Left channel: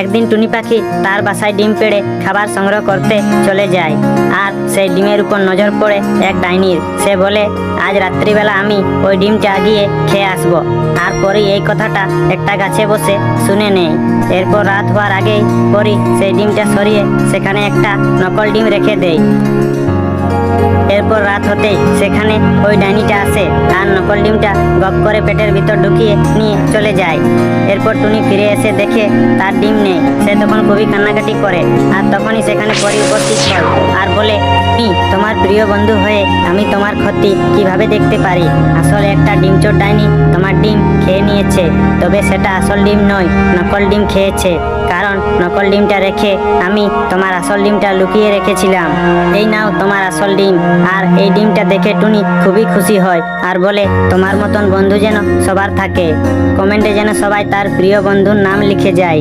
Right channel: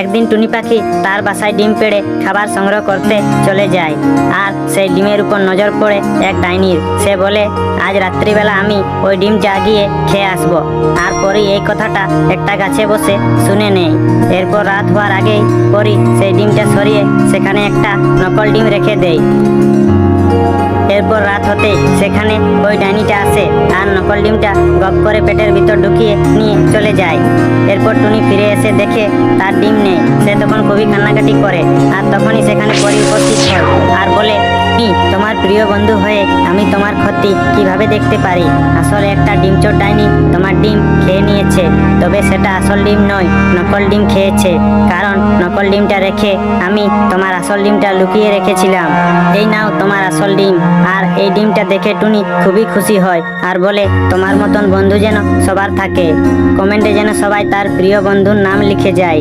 একদিন টুনি পাখি তার বাসায় ডিম পেড়ে খাবার সংগ্রহ করতে চলে যায়। আর সেই ডিমের উপর নজর পড়ে এক ডাইনির। সে বলে, আজ রাত্রিবেলা আমি ওই ডিমটা গিয়ে খেয়ে আসবো। আর পরি এই কথাটা একটা গাছে বসে শুনে নেয়। এরপর রাত হওয়ার আগেই পরি সেই ডিমটা সরিয়ে সেখানে একটা নকল ডিম রেখে দেয়। এরপর রাত হতেই সেখানে ওই ডাইনিটা আসে আর নকল ডিমটা গপ করে পেটের ভিতর ঢুকিয়ে নিয়ে চলে যায়। এরপর টুনি ফিরে এসে দেখে তার ডিম নেই। সে তখন খুবই কান্নাকাটি করে। আর তখনই সেখানে পরি উপস্থিত হয় আর বলে, তোমার প্রিয় বন্ধু হয়ে আমি তোমার ক্ষতি কিভাবে দেখতে পারি? আসলে একটা ডিমচোর ডাইনি তোমার ডিম খেয়ে নিয়েছে। তবে সেটা আসল ডিম নয়, নকল ডিম খেয়েছে। কারণ নকল ডিমটা রেখে আমি তোমার আসল ডিমটা লুকিয়ে রেখেছিলাম। এই নাও তোমার আসল ডিম। আর এই ডিমটা দেখে টুনি খুবই খুশি হয় আর বলে, তোমার মতন বন্ধু যেন সবার থাকে। কমেন্টে যেন সবাই তার প্রিয় বন্ধুর নাম লিখে যায়।